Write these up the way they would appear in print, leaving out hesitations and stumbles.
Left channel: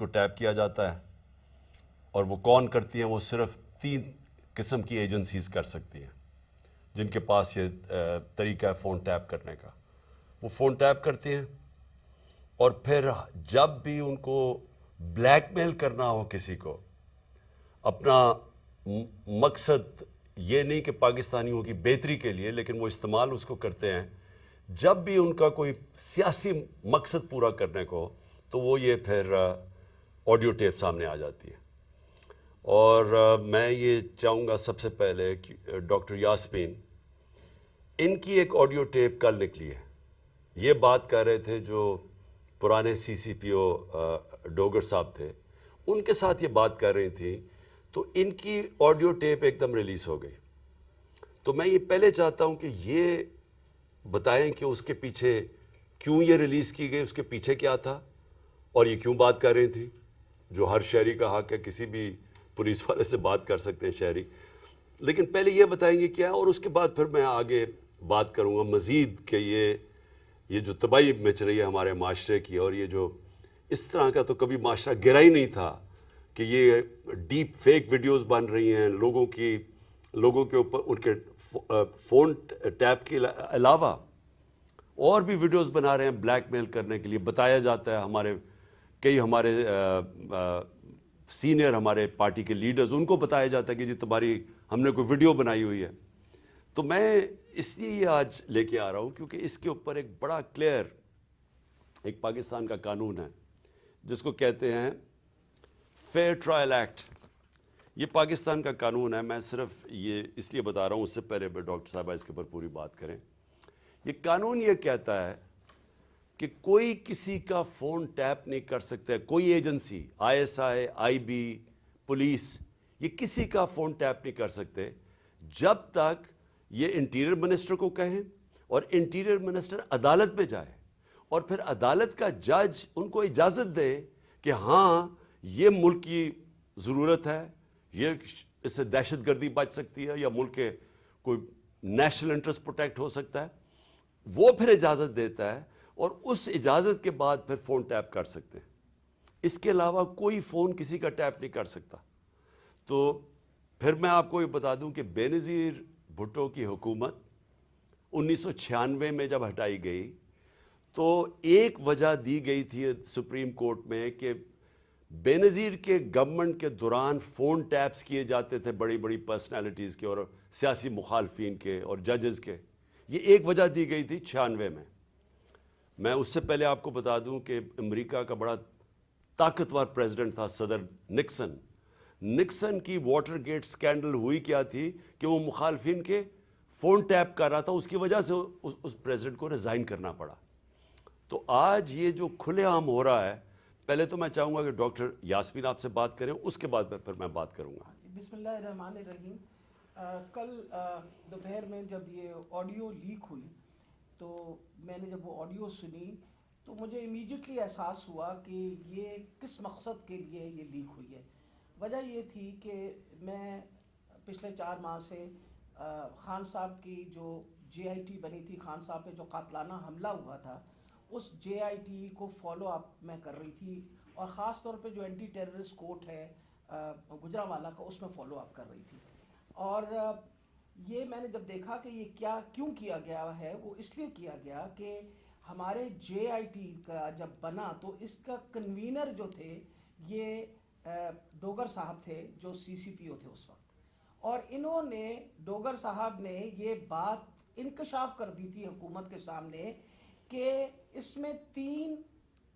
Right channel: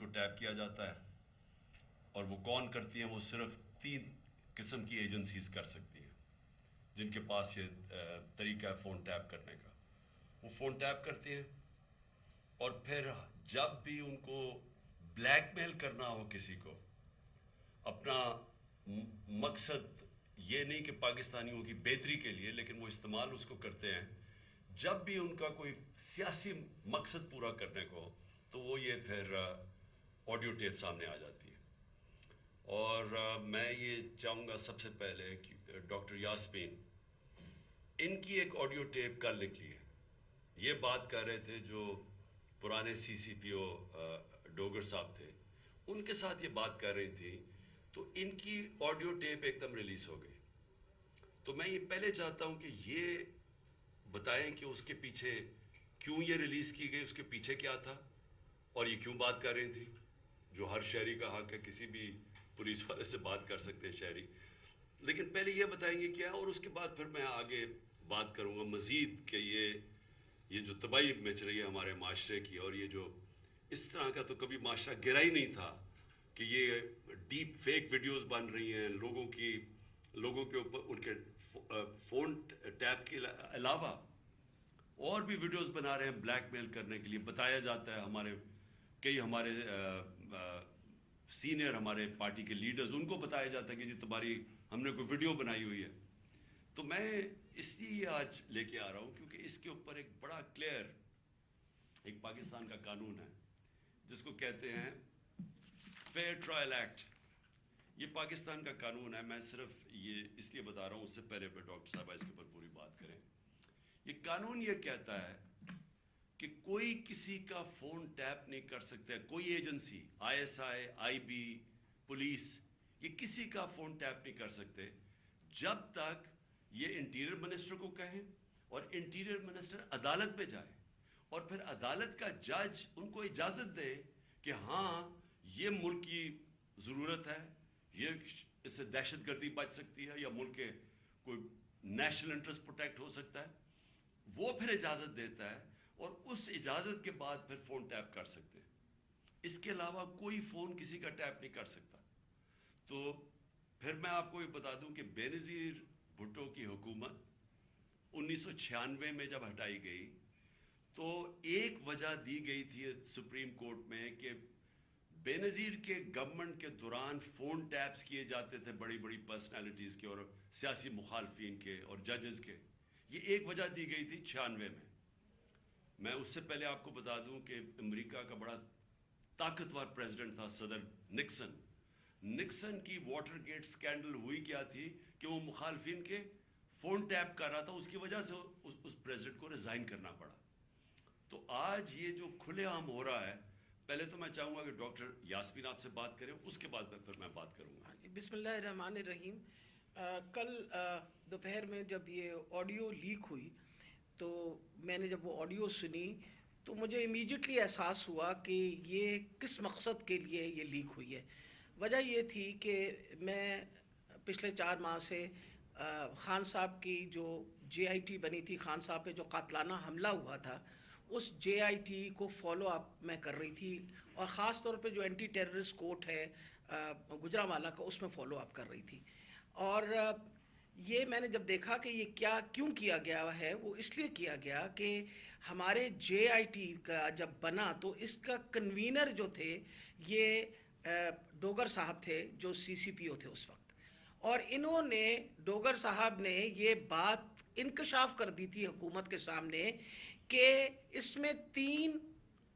کو ٹیپ کیا جاتا ہے، اور وہ کون کرتی ہیں؟ وہ صرف 3 قسم کی ایجنسیز کر سکتی ہیں جن کے پاس یہ طریقہ ہے فون ٹیپ کرنے کا. وہ فون ٹیپ کرتی ہیں، اور پھر جب بھی ان کو بلیک میل کرنا ہو کسی کو، اپنا مقصد یہ نہیں کہ پاکستانیوں کی بہتری کے لیے، لیکن وہ استعمال اس کو کرتے ہیں جب بھی ان کا کوئی سیاسی مقصد پورا کرنے کو، تو وہ یہ پھر آڈیو ٹیپ سامنے آ جاتی ہے. اور میں یہ چاہوں گا سب سے پہلے کہ ڈاکٹر یاسمین، ان کی ایک آڈیو ٹیپ کل نکلی ہے. یہ بات کر رہے تھے جو پرانے سی سی پی او ڈوگر صاحب تھے، ان کے ساتھ یہ بات کر رہی تھی، تو ان کی آڈیو ٹیپ ایک دم ریلیز ہو گئی. تو میں یہ پہلے چاہتا ہوں کہ یہ بتائیں کہ اس کے پیچھے کیوں یہ ریلیز کی گئی، اس کے پیچھے کیا تھا، اور یہ کیوں بات کر رہی تھی، جو ہر شہری کا حق ہے، کسی بھی پولیس والے سے بات کر سکتے ہیں شہری. لیکن پہلے یہ بتائیں گے کیا، اور اس کے بعد پھر میں آگے بات کروں گا مزید کہ یہ جو تباہی مچ رہی ہے ہمارے معاشرے کی، اور یہ جو اس طرح کا تو کبھی معاشرہ گرا ہی نہیں تھا کہ یہ ڈیپ فیک ویڈیوز بن رہی ہیں لوگوں کے اوپر، ان کے فون ٹیپ کے علاوہ اور بھی ویڈیوز بنا رہے ہیں بلیک میل کرنے کے لیے. بتایا جاتا ہے ہمارے سینئر ہمارے پارٹی کے لیڈرز، ان کو بتایا جاتا ہے کہ جی تمہاری ہم نے کوئی ویڈیو بنائی ہوئی ہے. تو میں اس لیے یہ آج لے کے آ رہا ہوں کیونکہ اس کے اوپر ایک بڑا کلیئر ایک پاکستان کا قانون ہے جس کو کہتے ہیں فیئر ٹرائل ایکٹ. یہ پاکستان کا قانون ہے. میں صرف یہ اس لیے بتا رہا ہوں، اس سے پہلے ڈاکٹر صاحبہ اس کے اوپر پوری بات کریں. یہ قانون یہ کہتا ہے کہ کوئی کسی کا فون ٹیپ نہیں کر سکتا ہے، کوئی agency, I S I, I B, police, یہ کسی کا فون ٹیپ نہیں کر سکتے جب تک یہ انٹیریئر منسٹر کو کہیں اور انٹیریئر منسٹر عدالت میں جائے، اور پھر عدالت کا جج ان کو اجازت دے کہ ہاں یہ ملک کی ضرورت ہے، یہ اس سے دہشت گردی بچ سکتی ہے، یا ملک کے کوئی نیشنل انٹرسٹ پروٹیکٹ ہو سکتا ہے. وہ پھر اجازت دیتا ہے، اور اس اجازت کے بعد پھر فون ٹیپ کر سکتے ہیں. اس کے علاوہ کوئی فون کسی کا ٹیپ نہیں کر سکتا. تو پھر میں آپ کو یہ بتا دوں کہ بے نظیر بھٹو کی حکومت 1996 میں جب ہٹائی گئی تو ایک وجہ دی گئی تھی سپریم کورٹ میں کہ بے نظیر کے گورنمنٹ کے دوران فون ٹیپس کیے جاتے تھے بڑی بڑی پرسنالٹیز کے اور سیاسی مخالفین کے اور ججز کے. یہ ایک وجہ دی گئی تھی 96 میں. میں اس سے پہلے آپ کو بتا دوں کہ امریکہ کا بڑا طاقتور پریزیڈنٹ تھا صدر نکسن. نکسن کی واٹر گیٹ سکینڈل ہوئی کیا تھی کہ وہ مخالفین کے فون ٹیپ کر رہا تھا، اس کی وجہ سے اس پریزیڈنٹ کو ریزائن کرنا پڑا. تو آج یہ جو کھلے عام ہو رہا ہے، پہلے تو میں چاہوں گا کہ ڈاکٹر یاسمین آپ سے بات کریں، اس کے بعد پھر میں بات کروں گا. بسم اللہ الرحمن الرحیم. کل دوپہر میں جب یہ آڈیو لیک ہوئی تو میں نے جب وہ آڈیو سنی تو مجھے امیڈیٹلی احساس ہوا کہ یہ کس مقصد کے لیے یہ لیک ہوئی ہے. وجہ یہ تھی کہ میں پچھلے 4 ماہ سے خان صاحب کی جو جے آئی ٹی بنی تھی، خان صاحب پہ جو قاتلانہ حملہ ہوا تھا، اس جے آئی ٹی کو فالو اپ میں کر رہی تھی، اور خاص طور پہ جو اینٹی ٹیررسٹ کورٹ ہے گجرانوالہ کا، اس میں فالو اپ کر رہی تھی. اور یہ میں نے جب دیکھا کہ یہ کیوں کیا گیا ہے، وہ اس لیے کیا گیا کہ ہمارے جے آئی ٹی کا جب بنا تو اس کا کنوینر جو تھے یہ ڈوگر صاحب تھے جو سی سی پی او تھے اس وقت. اور انہوں نے ڈوگر صاحب نے یہ بات انکشاف کر دی تھی حکومت کے سامنے کہ اس میں 3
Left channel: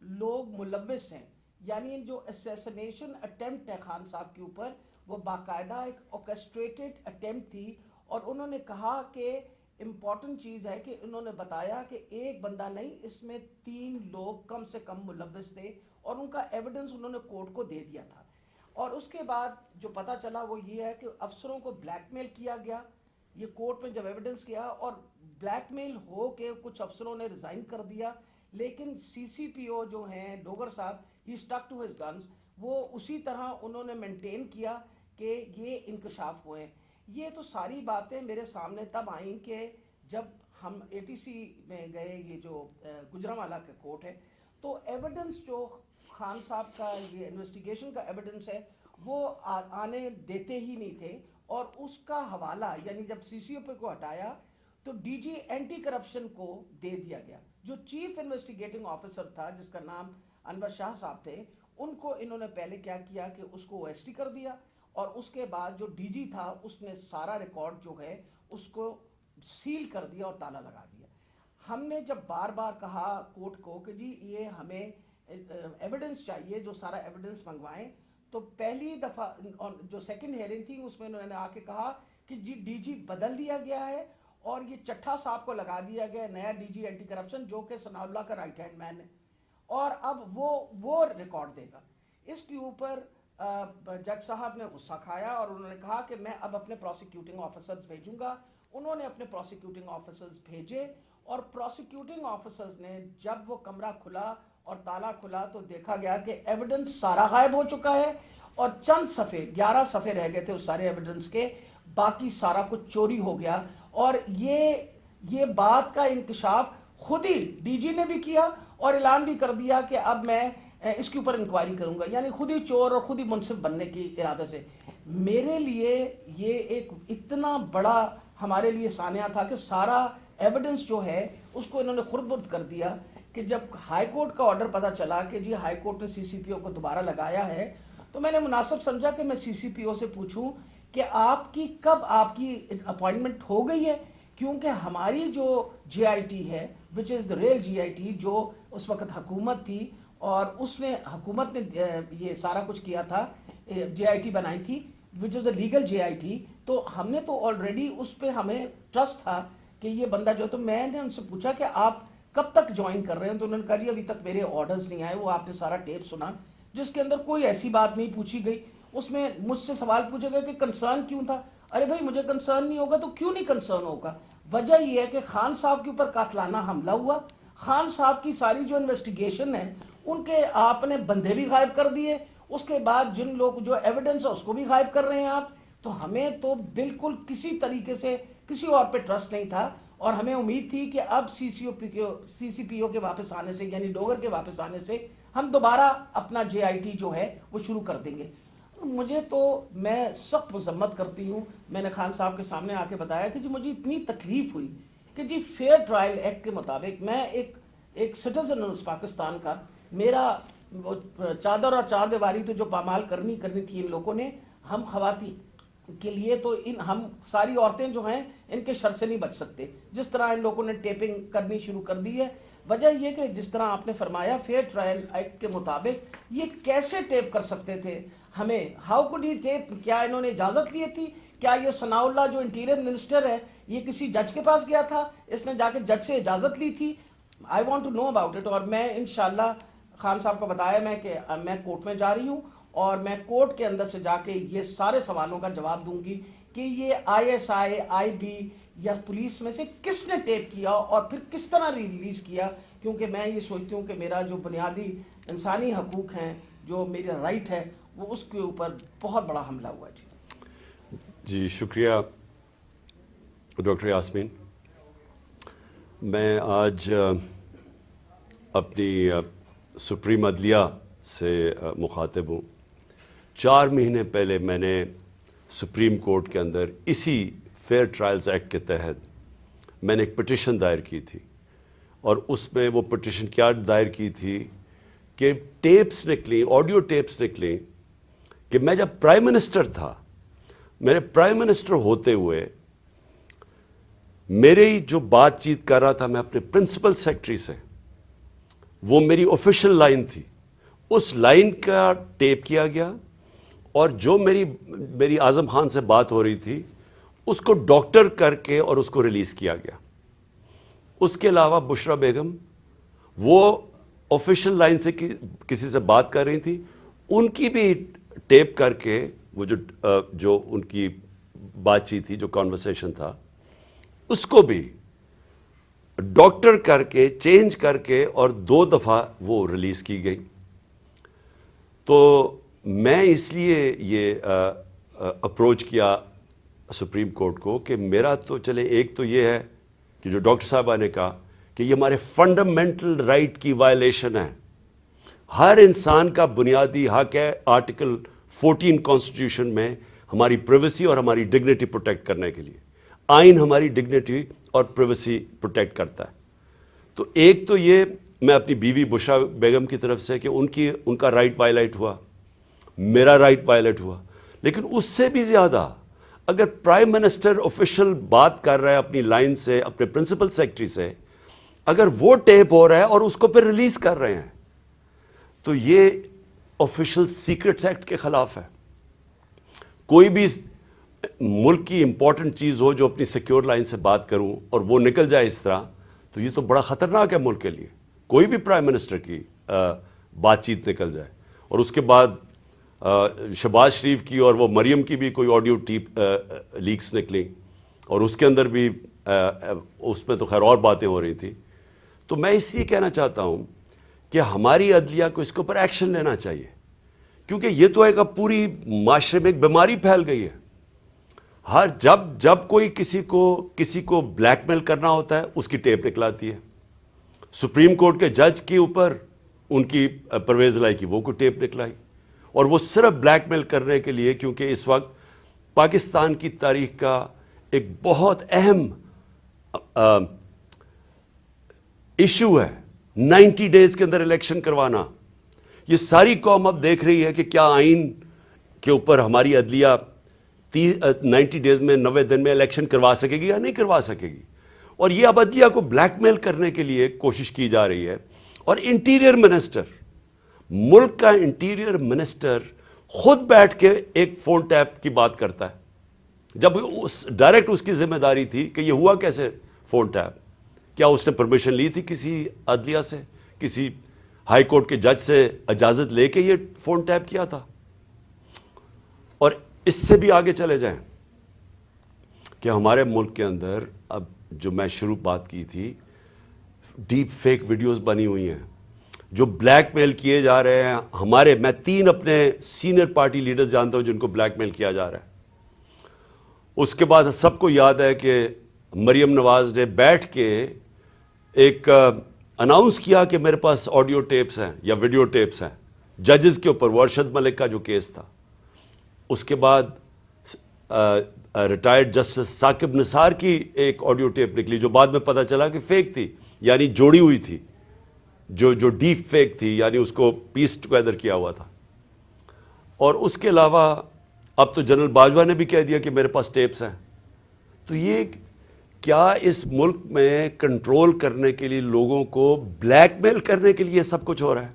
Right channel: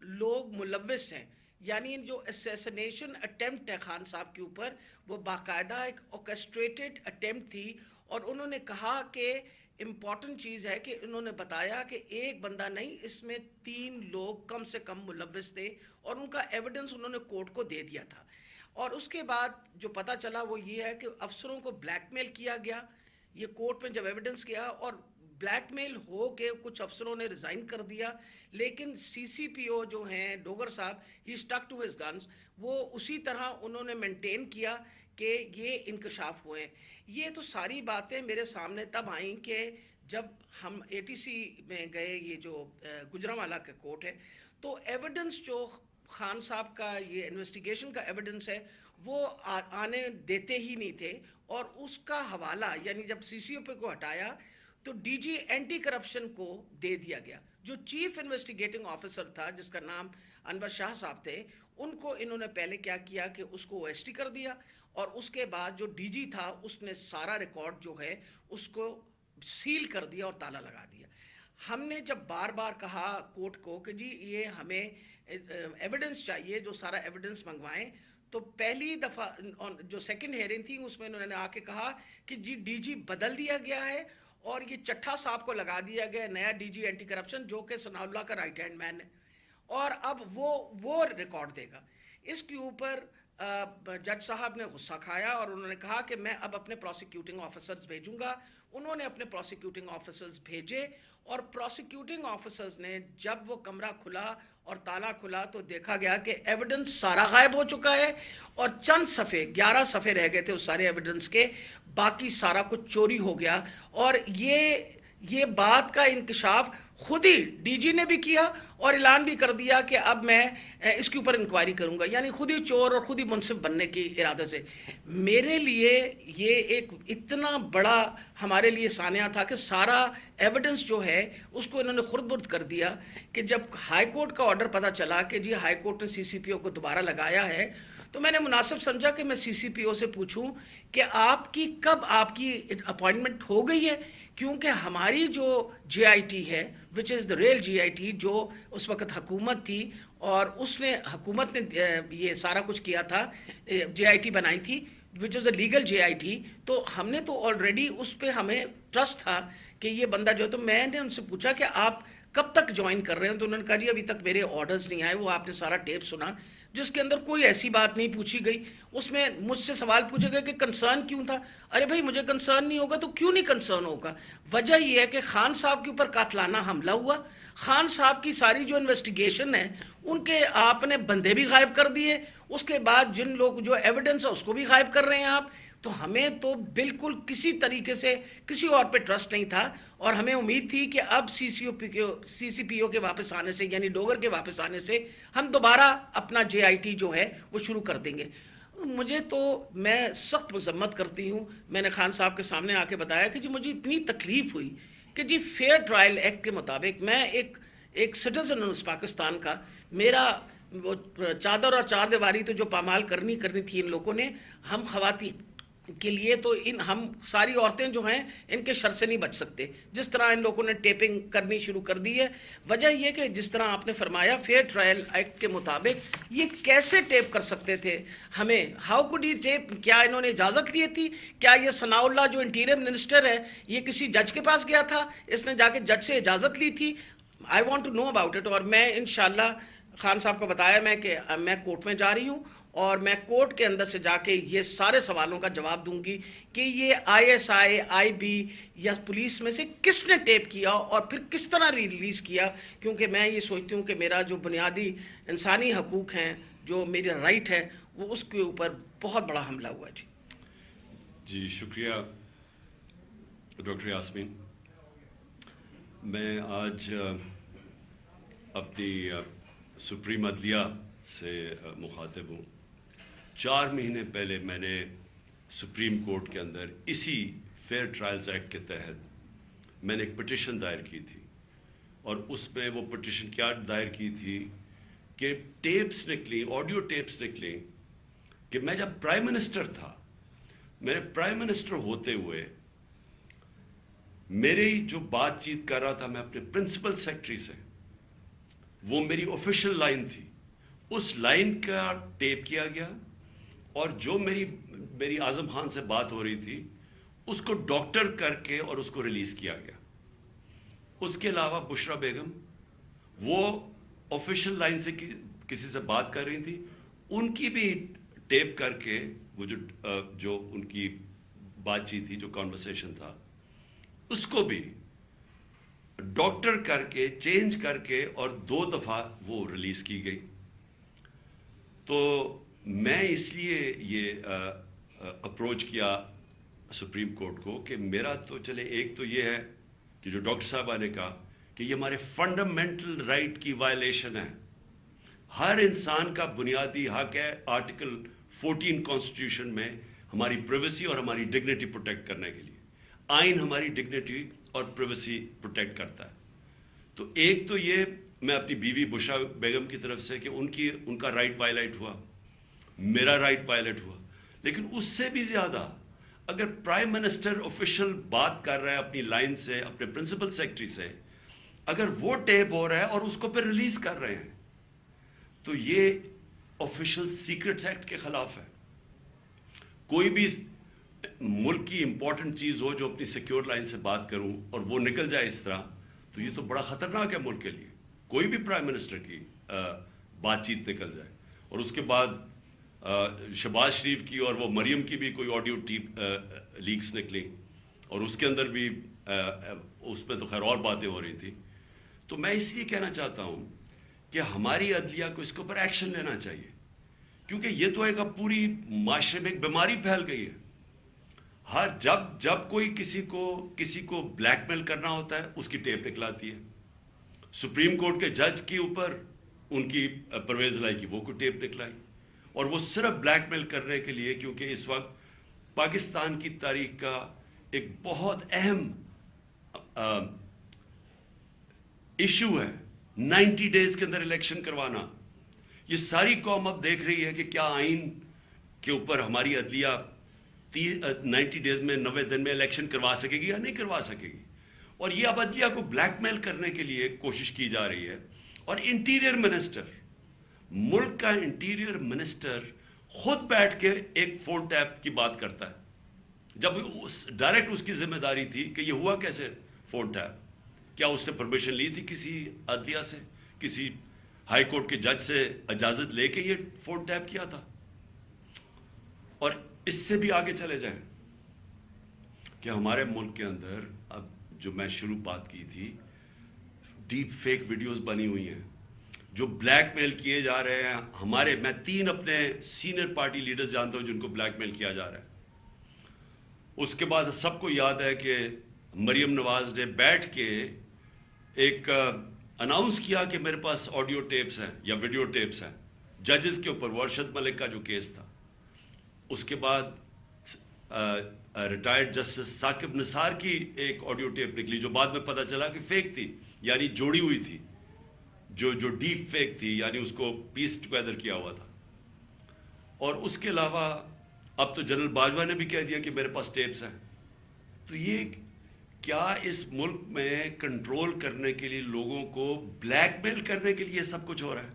لوگ ملوث ہیں. یعنی جو اسیسنیشن اٹیمپٹ ہے خان صاحب کے اوپر، وہ باقاعدہ ایک اوکسٹریٹڈ اٹیمپٹ تھی. اور انہوں نے کہا کہ امپورٹنٹ چیز ہے کہ انہوں نے بتایا کہ ایک بندہ نہیں، اس میں 3 لوگ کم سے کم ملوث تھے، اور ان کا ایویڈنس انہوں نے کورٹ کو دے دیا تھا. اور اس کے بعد جو پتا چلا وہ یہ ہے کہ افسروں کو بلیک میل کیا گیا. یہ کورٹ میں جب ایویڈنس کیا اور بلیک میل ہو کے کچھ افسروں نے ریزائن کر دیا، لیکن سی سی پی او جو ہیں ڈوگر صاحب، ہی اسٹک ٹو ہز گنز، وہ اسی طرح انہوں نے مینٹین کیا کہ یہ انکشاف ہوئے. یہ تو ساری باتیں میرے سامنے تب آئیں کہ جب ہم ATC میں گئے، یہ جو گجرانوالہ کا کورٹ ہے، تو ایویڈنس جو خان صاحب کا یہ انویسٹیگیشن کا ایویڈنس ہے وہ آنے دیتے ہی نہیں تھے، اور اس کا حوالہ یعنی جب سی سی او پی کو ہٹایا تو ڈی جی اینٹی کرپشن کو دے دیا گیا. جو چیف انویسٹیگیٹنگ آفیسر تھا جس کا نام انور شاہ صاحب تھے، ان کو انہوں نے پہلے کیا کیا کہ اس کو او ایس ٹی کر دیا، اور اس کے بعد جو ڈی جی تھا اس نے سارا ریکارڈ جو ہے اس کو سیل کر دیا اور تالا لگا دیا. ہم نے جب بار بار کہا کورٹ کو کہ جی یہ ہمیں ایویڈنس چاہیے، جو سارا ایویڈنس منگوائیں، تو پہلی دفعہ جو سیکنڈ ہیئرنگ تھی اس میں انہوں نے آ کے کہا کہ جی ڈی جی بدل دیا گیا ہے اور یہ چٹھا صاحب کو لگا دیا گیا نیا ڈی جی اینٹی کرپشن، جو کہ ثناء اللہ کا رائٹ ہینڈ مین ہے، اور اب وہ ریکارڈ دے گا. اس کے اوپر جج صاحب نے غصہ کھایا اور انہوں نے کہا کہ میں اب اپنے پروسیکیوٹنگ آفیسرز بھیجوں گا. انہوں نے اپنے پروسیکیوٹنگ آفیسرز بھیجے، اور پروسیکیوٹنگ آفیسرز نے جب وہ کمرہ کھلا اور تالا کھلا تو دیکھا گیا کہ ایویڈنس سارا غائب ہو چکا ہے، اور چند صفحے 11 صفحے رہ گئے تھے اس سارے ایویڈنس کے، باقی سارا کچھ چوری ہو گیا. اور یہ بات کا انکشاف خود ہی ڈی جی نے بھی کیا اور اعلان بھی کر دیا کہ اب میں اس کے اوپر انکوائری کروں گا، یعنی خود ہی چور اور خود ہی منصف بننے کی ارادے سے. میرے لیے یہ ایک اتنا بڑا ہمارے لیے سانحہ تھا کہ سارا ایویڈنس جو ہے اس کو انہوں نے خرد برد کر دیا، کہ جب ہائی کورٹ کا آرڈر پتا چلا کہ جی ہائی کورٹ نے سی سی پی او کو دوبارہ لگایا ہے، تو میں نے مناسب سمجھا کہ میں سی سی پی او سے پوچھوں کہ کب آپ کی اپوائنٹمنٹ ہو گئی ہے، کیونکہ ہماری جو جے آئی ٹی ہے وچ از دا ریل جے آئی ٹی، جو اس وقت حکومت تھی اور حکومت نے یہ سارا کچھ کیا تھا، جے آئی ٹی بنائی تھی وچ از a legal J I T, تو ہم نے تو آلریڈی اس پہ ہمیں ٹرسٹ تھا کہ یہ بندہ جو، تو میں نے ان سے پوچھا کہ آپ کب تک جوائن کر رہے ہیں، تو انہوں نے کہا جی ابھی تک میرے آرڈرز نہیں آئے. وہ آپ نے سارا ٹیپ سنا جس کے اندر کوئی ایسی بات نہیں پوچھی گئی. اس میں مجھ سے سوال پوچھے گئے کہ کنسرن کیوں تھا. ارے بھائی مجھے کنسرن نہیں ہوگا تو کیوں نہیں کنسرن ہوگا؟ وجہ یہ ہے کہ خان صاحب کے اوپر قاتلانہ حملہ ہوا، خان صاحب کی ساری جو انویسٹیگیشن ہے ان کے آپ نے بندے بھی غائب کر دیے، اس کے بعد جن لوگ جو ایویڈنس ہے اس کو بھی غائب کر رہے ہیں آپ. تو ہمیں تو بالکل کسی طریقے سے کسی اور پہ ٹرسٹ نہیں تھا، اور ہمیں امید تھی کہ اب سی سی پی او کے واپس آنے سے، یعنی ڈوگر کے واپس آنے سے ہم دوبارہ اپنا جے آئی ٹی جو ہے وہ شروع کر دیں گے. میں سخت مذمت کرتی ہوں. میں نے خان صاحب کے سامنے آ کے بتایا کہ جی مجھے اتنی تکلیف ہوئی کہ جی فیئر ٹرائل ایکٹ کے مطابق میں ایک سٹیزن ہوں اس پاکستان کا، میرا چادر اور چار دیواری تو جو پامال کرنی تھی ان لوگوں نے، ہم خواتین کے لیے تو ہم ساری عورتیں جو ہیں ان کے شر سے نہیں بچ سکتے. جس طرح ان لوگوں نے ٹیپنگ کرنی شروع کر دی ہے، وجہ یہ کہ جس طرح آپ نے فرمایا فیئر ٹرائل ایکٹ کے مطابق یہ کیسے ٹیپ کر سکتے تھے ہمیں؟ How could he tap? کیا انہوں نے اجازت لی تھی؟ کیا یہ ثناء اللہ جو انٹیریئر منسٹر ہے یہ کسی جج کے پاس گیا تھا؟ اس نے جا کے جج سے اجازت لی تھی؟ I want to know about it. اور میں انشاءاللہ خان صاحب کو بتایا کہ میں کورٹ میں جا رہی ہوں اور میں کورٹ کے اندر سے جا کے یہ سارے سوالوں کا جواب دوں گی کہ یہ آئی ایس آئی بی یا پولیس میں سے کس نے ٹیپ کیا اور پھر کس طرح ریلیز کیا. کیونکہ میں یہ سوچتی ہوں کہ میرا جو بنیادی انسانی حقوق ہیں، جو میرا رائٹ ہے، وہ اس کے اوپر بہت بڑا حملہ ہوا. جی شکریہ ڈاکٹر یاسمین. میں آج اپنی سپریم عدلیہ سے مخاطب ہوں. 4 مہینے پہلے میں نے سپریم کورٹ کے اندر اسی فیئر ٹرائلز ایکٹ کے تحت میں نے ایک پٹیشن دائر کی تھی، اور اس میں وہ پٹیشن کیا دائر کی تھی کہ ٹیپس نکلی، آڈیو ٹیپس نکلی کہ میں جب پرائم منسٹر تھا، میرے پرائم منسٹر ہوتے ہوئے میری جو بات چیت کر رہا تھا میں اپنے پرنسپل سیکرٹری سے، وہ میری آفیشیل لائن تھی، اس لائن کا ٹیپ کیا گیا، اور جو میری اعظم خان سے بات ہو رہی تھی اس کو ڈاکٹر کر کے اور اس کو ریلیز کیا گیا. اس کے علاوہ بشرا بیگم وہ آفیشیل لائن سے کسی سے بات کر رہی تھی، ان کی بھی ٹیپ کر کے وہ جو ان کی بات چیت تھی، جو کانورسیشن تھا، اس کو بھی ڈاکٹر کر کے چینج کر کے اور 2 دفعہ وہ ریلیز کی گئی. تو میں اس لیے یہ اپروچ کیا سپریم کورٹ کو کہ میرا تو چلے، ایک تو یہ ہے کہ جو ڈاکٹر صاحبہ نے کہا کہ یہ ہمارے فنڈامنٹل رائٹ کی وائلیشن ہے. ہر انسان کا بنیادی حق ہے آرٹیکل 14 کانسٹیٹیوشن میں ہماری پرائیویسی اور ہماری ڈگنیٹی پروٹیکٹ کرنے کے لیے. آئین ہماری ڈگنیٹی اور پرائیویسی پروٹیکٹ کرتا ہے. تو ایک تو یہ میں اپنی بیوی بشرا بیگم کی طرف سے کہ ان کا رائٹ وائلیٹ ہوا, میرا رائٹ وائلیٹ ہوا, لیکن اس سے بھی زیادہ اگر پرائم منسٹر آفیشل بات کر رہا ہے اپنی لائن سے, اپنے پرنسپل سیکرٹری سے, اگر وہ ٹیپ ہو رہا ہے اور اس کو پھر ریلیز کر رہے ہیں تو یہ آفیشل سیکرٹس ایکٹ کے خلاف ہے. کوئی بھی ملک کی امپورٹنٹ چیز ہو جو اپنی سیکیور لائن سے بات کروں اور وہ نکل جائے اس طرح, تو یہ تو بڑا خطرناک ہے ملک کے لیے. کوئی بھی پرائم منسٹر کی بات چیت نکل جائے, اور اس کے بعد شہباز شریف کی اور وہ مریم کی بھی کوئی آڈیو ٹیپ لیکس نکلی, اور اس کے اندر بھی اس میں تو خیر اور باتیں ہو رہی تھی. تو میں اس لیے کہنا چاہتا ہوں کہ ہماری عدلیہ کو اس کے اوپر ایکشن لینا چاہیے, کیونکہ یہ تو ایک اب پوری معاشرے میں ایک بیماری پھیل گئی ہے. جب کوئی کسی کو بلیک میل کرنا ہوتا ہے اس کی ٹیپ نکلاتی ہے. سپریم کورٹ کے جج کے اوپر ان کی پرویز لائی کی وہ کوئی ٹیپ نکلائی, اور وہ صرف بلیک میل کرنے کے لیے, کیونکہ اس وقت پاکستان کی تاریخ کا ایک بہت اہم ایشو ہے 90 ڈیز کے اندر الیکشن کروانا. یہ ساری قوم اب دیکھ رہی ہے کہ کیا آئین کے اوپر ہماری عدلیہ 90 ڈیز میں 90 دن میں الیکشن کروا سکے گی یا نہیں کروا سکے گی. اور یہ اب عدلیہ کو بلیک میل کرنے کے لیے کوشش کی جا رہی ہے. اور انٹیریئر منسٹر, ملک کا انٹیریئر منسٹر خود بیٹھ کے ایک فون ٹیپ کی بات کرتا ہے, جب ڈائریکٹ اس کی ذمہ داری تھی کہ یہ ہوا کیسے فون ٹیپ. کیا اس نے پرمیشن لی تھی کسی عدلیہ سے, کسی ہائی کورٹ کے جج سے اجازت لے کے یہ فون ٹیپ کیا تھا؟ اور اس سے بھی آگے چلے جائیں کہ ہمارے ملک کے اندر اب جو میں شروع بات کی تھی, ڈیپ فیک ویڈیوز بنی ہوئی ہیں جو بلیک میل کیے جا رہے ہیں. میں 3 اپنے سینئر پارٹی لیڈرز جانتا ہوں جن کو بلیک میل کیا جا رہا ہے. اس کے بعد سب کو یاد ہے کہ مریم نواز نے بیٹھ کے ایک اناؤنس کیا کہ میرے پاس آڈیو ٹیپس ہیں یا ویڈیو ٹیپس ہیں ججز کے اوپر, وہ ارشد ملک کا جو کیس تھا. اس کے بعد ریٹائرڈ جسٹس ثاقب نثار کی ایک آڈیو ٹیپ نکلی جو بعد میں پتا چلا کہ فیک تھی, یعنی جوڑی ہوئی تھی, جو ڈیپ فیک تھی, یعنی اس کو پیس ٹوگیدر کیا ہوا تھا. اور اس کے علاوہ اب تو جنرل باجوہ نے بھی کہہ دیا کہ میرے پاس ٹیپس ہیں. تو یہ کیا اس ملک میں کنٹرول کرنے کے لیے, لوگوں کو بلیک میل کرنے کے لیے سب کچھ ہو رہا ہے؟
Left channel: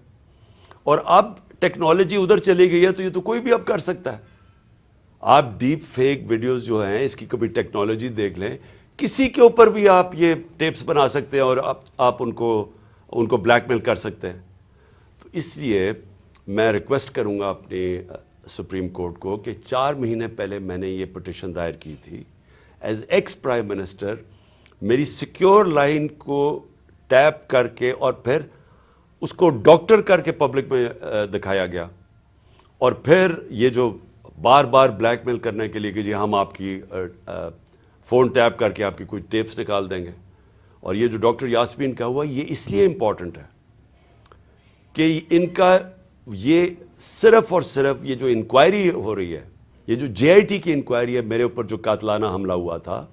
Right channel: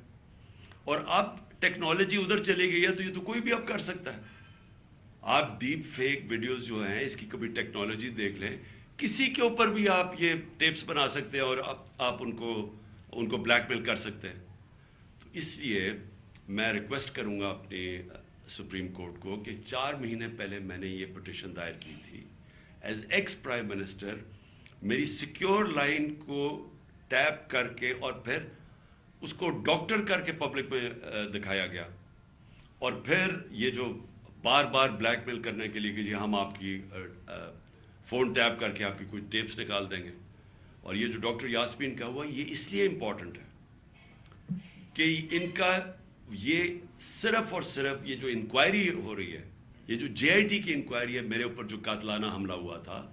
اور اب ٹیکنالوجی ادھر چلی گئی ہے تو یہ تو کوئی بھی اب کر سکتا ہے. آپ ڈیپ فیک ویڈیوز جو ہیں اس کی کبھی ٹیکنالوجی دیکھ لیں, کسی کے اوپر بھی آپ یہ ٹیپس بنا سکتے ہیں اور آپ ان کو بلیک میل کر سکتے ہیں. تو اس لیے میں ریکویسٹ کروں گا اپنے سپریم کورٹ کو کہ 4 مہینے پہلے میں نے یہ پٹیشن دائر کی تھی. ایز ایکس پرائم منسٹر میری سیکیور لائن کو ٹیپ کر کے اور پھر اس کو ڈاکٹر کر کے پبلک میں دکھایا گیا, اور پھر یہ جو بار بار بلیک میل کرنے کے لیے کہ جی ہم آپ کی فون ٹیپ کر کے آپ کی کوئی ٹیپس نکال دیں گے. اور یہ جو ڈاکٹر یاسمین کا ہوا یہ اس لیے امپورٹنٹ ہے کہ ان کا یہ صرف اور صرف یہ جو انکوائری ہو رہی ہے, یہ جو جے آئی ٹی کی انکوائری ہے میرے اوپر جو قاتلانہ حملہ ہوا تھا,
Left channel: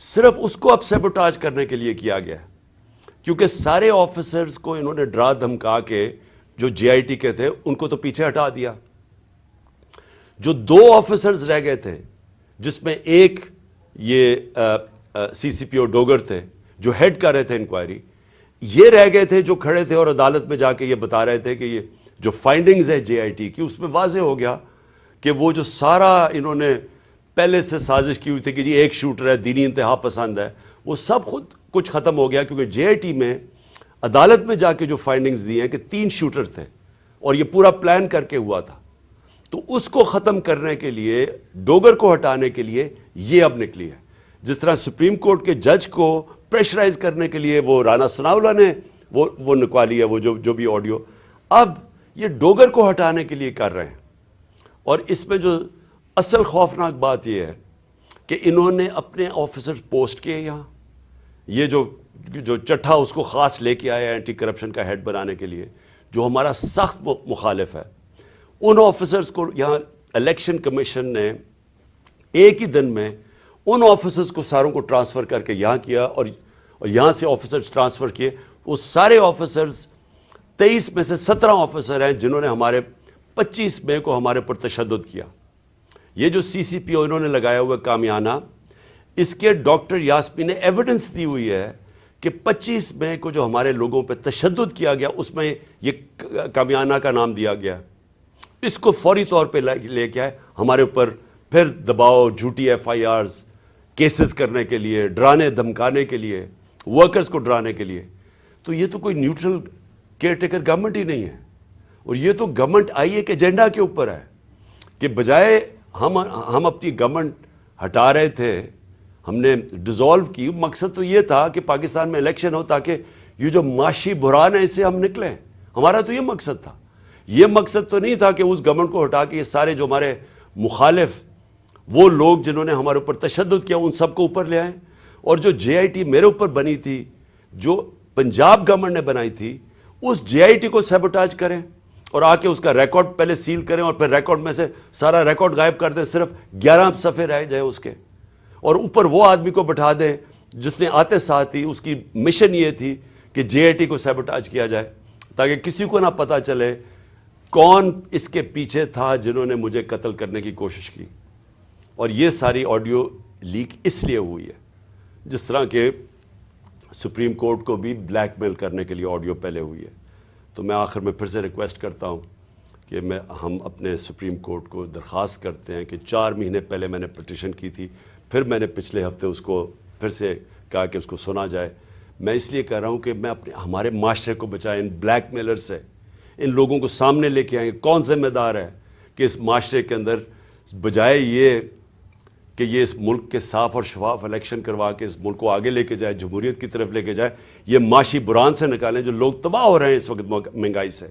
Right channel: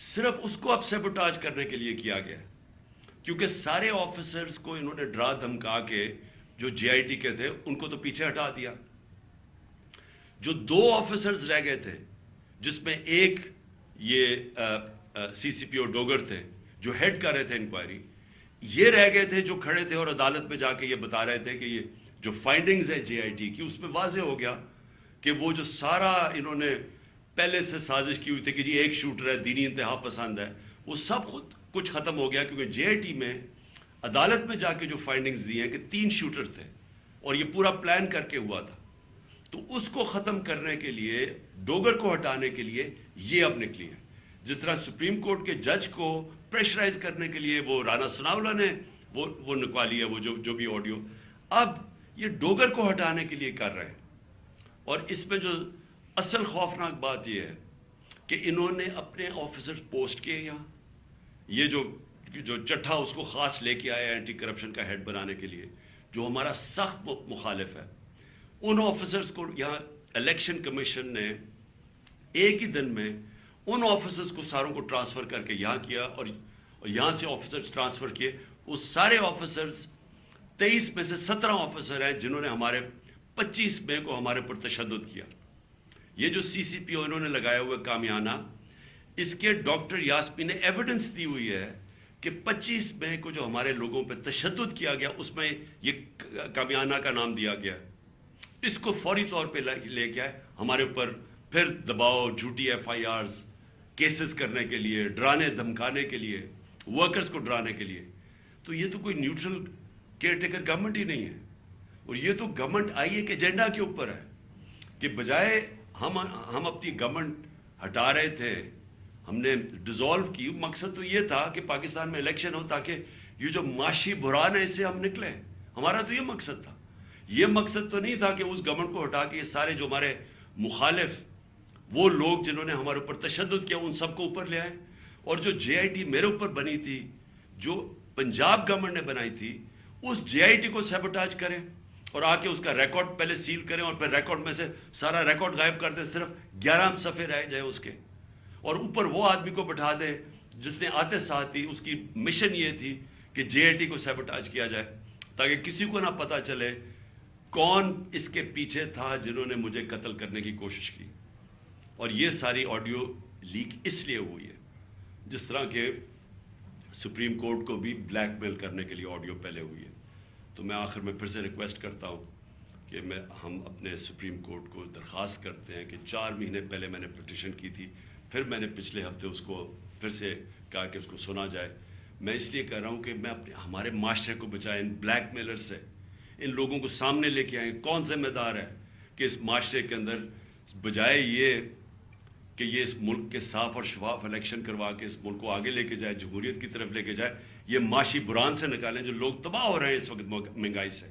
صرف اس کو اب سیبوٹاج کرنے کے لیے کیا گیا ہے. کیونکہ سارے آفیسرز کو انہوں نے ڈرا دھمکا کے جو جے آئی ٹی کے تھے ان کو تو پیچھے ہٹا دیا. جو 2 آفیسرز رہ گئے تھے جس میں ایک یہ سی سی پی او ڈوگر تھے جو ہیڈ کر رہے تھے انکوائری, یہ رہ گئے تھے جو کھڑے تھے اور عدالت میں جا کے یہ بتا رہے تھے کہ یہ جو فائنڈنگز ہے جے آئی ٹی کی اس میں واضح ہو گیا کہ وہ جو سارا انہوں نے پہلے سے سازش کی ہوئی تھی کہ جی ایک شوٹر ہے, دینی انتہا پسند ہے, وہ سب خود کچھ ختم ہو گیا. کیونکہ جے آئی ٹی میں عدالت میں جا کے جو فائنڈنگز دی ہیں کہ 3 شوٹر تھے اور یہ پورا پلان کر کے ہوا تھا. تو اس کو ختم کرنے کے لیے, ڈوگر کو ہٹانے کے لیے یہ اب نکلی ہے. جس طرح سپریم کورٹ کے جج کو پریشرائز کرنے کے لیے وہ رانا ثناءاللہ نے وہ نکوالی ہے, وہ جو بھی آڈیو, اب یہ ڈوگر کو ہٹانے کے لیے کر رہے ہیں. اور اس میں جو اصل خوفناک بات یہ ہے کہ انہوں نے اپنے آفیسر پوسٹ کیے یہاں, یہ جو چٹھا اس کو خاص لے کے آیا اینٹی کرپشن کا ہیڈ بنانے کے لیے, جو ہمارا سخت مخالف ہے، ان آفیسرز کو یہاں الیکشن کمیشن نے ایک ہی دن میں ان آفیسرز کو ساروں کو ٹرانسفر کر کے یہاں کیا، اور یہاں سے آفیسرز ٹرانسفر کیے. وہ سارے آفیسرز 23 میں سے 17 آفیسر ہیں جنہوں نے ہمارے 25 مئی کو ہمارے پر تشدد کیا. یہ جو سی سی پی او انہوں نے لگایا ہوا کامیانہ، اس کے ڈاکٹر یاسمین نے ایویڈنس دی ہوئی ہے کہ 25 مئی کو جو ہمارے لوگوں پہ تشدد کیا گیا اس میں یہ کامیانہ کا نام دیا گیا. اس کو فوری طور پہ لے کے آئے ہمارے اوپر پھر دباؤ، جھوٹی ایف آئی آرز کیسز کرنے کے لیے، ڈرانے دھمکانے کے لیے، ورکرز کو ڈرانے کے لیے. تو یہ تو کوئی نیوٹرل کیئر ٹیکر گورنمنٹ ہی نہیں ہے. اور یہ تو گورنمنٹ آئی ایک ایجنڈا کے اوپر ہے کہ بجائے ہم اپنی گورنمنٹ ہٹا رہے تھے، ہم نے ڈیزالو کی. مقصد تو یہ تھا کہ پاکستان میں الیکشن ہو تاکہ یہ جو معاشی بحران ہے اس سے ہم نکلیں. ہمارا تو یہ مقصد تھا. یہ مقصد تو نہیں تھا کہ اس گورنمنٹ کو ہٹا کے یہ سارے جو ہمارے مخالف وہ لوگ جنہوں نے ہمارے اوپر تشدد کیا ان سب کو اوپر لے آئیں. اور جو جے آئی ٹی میرے اوپر بنی تھی، جو پنجاب گورنمنٹ نے بنائی تھی، اس جے آئی ٹی کو سیبوٹاج کریں اور آ کے اس کا ریکارڈ پہلے سیل کریں اور پھر ریکارڈ میں سے سارا ریکارڈ غائب کر دیں، صرف 11 صفحے رہ جائیں اس کے، اور اوپر وہ آدمی کو بٹھا دیں جس نے آتے ساتھ ہی اس کی مشن یہ تھی کہ جے آئی ٹی کو سیبوٹاج کیا جائے تاکہ کسی کو نہ پتا چلے کون اس کے پیچھے تھا جنہوں نے مجھے قتل کرنے کی کوشش کی. اور یہ ساری آڈیو لیک اس لیے ہوئی ہے، جس طرح کہ سپریم کورٹ کو بھی بلیک میل کرنے کے لیے آڈیو پہلے ہوئی ہے. تو میں آخر میں پھر سے ریکویسٹ کرتا ہوں کہ ہم اپنے سپریم کورٹ کو درخواست کرتے ہیں کہ 4 مہینے پہلے میں نے پٹیشن کی تھی، پھر میں نے پچھلے ہفتے اس کو پھر سے کہا کہ اس کو سنا جائے. میں اس لیے کہہ رہا ہوں کہ میں ہمارے معاشرے کو بچائیں ان بلیک میلر سے. ان لوگوں کو سامنے لے کے آئیں. کون ذمہ دار ہے کہ اس معاشرے کے اندر بجائے یہ کہ یہ اس ملک کے صاف اور شفاف الیکشن کروا کے اس ملک کو آگے لے کے جائے، جمہوریت کی طرف لے کے جائے، یہ معاشی بحران سے نکالیں. جو لوگ تباہ ہو رہے ہیں اس وقت مہنگائی سے،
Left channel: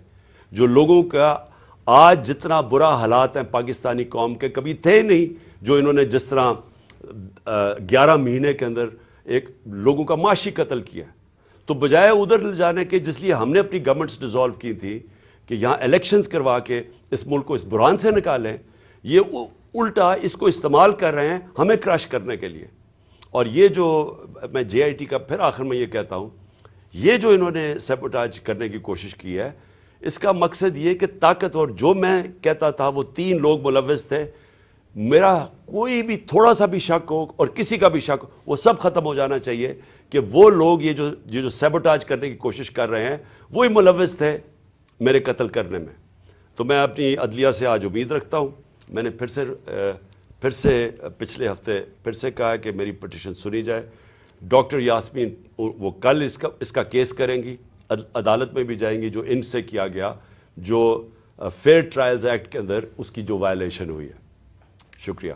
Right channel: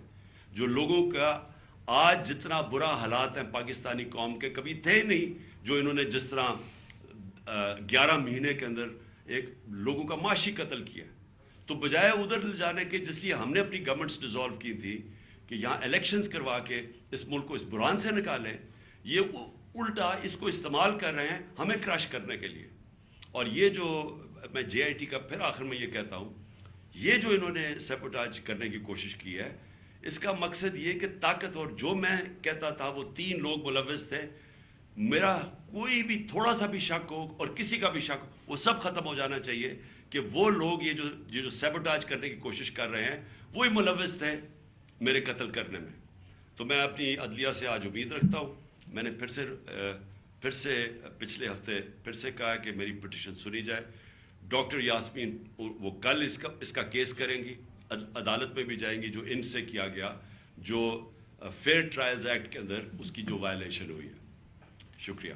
جو لوگوں کا آج جتنا برا حالات ہیں پاکستانی قوم کے کبھی تھے نہیں، جو انہوں نے جس طرح 11 مہینے کے اندر ایک لوگوں کا معاشی قتل کیا. تو بجائے ادھر لے جانے کے جس لیے ہم نے اپنی گورنمنٹس ڈیزالو کی تھی کہ یہاں الیکشنز کروا کے اس ملک کو اس بحران سے نکالیں، یہ الٹا اس کو استعمال کر رہے ہیں ہمیں کراش کرنے کے لیے. اور یہ جو میں جے آئی ٹی کا پھر آخر میں یہ کہتا ہوں، یہ جو انہوں نے سیبوٹاج کرنے کی کوشش کی ہے، اس کا مقصد یہ کہ طاقتور، جو میں کہتا تھا وہ 3 لوگ ملوث تھے، میرا کوئی بھی تھوڑا سا بھی شک ہو اور کسی کا بھی شک ہو وہ سب ختم ہو جانا چاہیے کہ وہ لوگ یہ جو سیبوٹاج کرنے کی کوشش کر رہے ہیں وہی ملوث تھے میرے قتل کرنے میں. تو میں اپنی عدلیہ سے آج امید رکھتا ہوں. میں نے پھر سے پچھلے ہفتے پھر سے کہا کہ میری پٹیشن سنی جائے. ڈاکٹر یاسمین وہ کل اس کا کیس کریں گی، عدالت میں بھی جائیں گی جو ان سے کیا گیا، جو فیئر ٹرائلز ایکٹ کے اندر اس کی جو وائلیشن ہوئی ہے. شکریہ.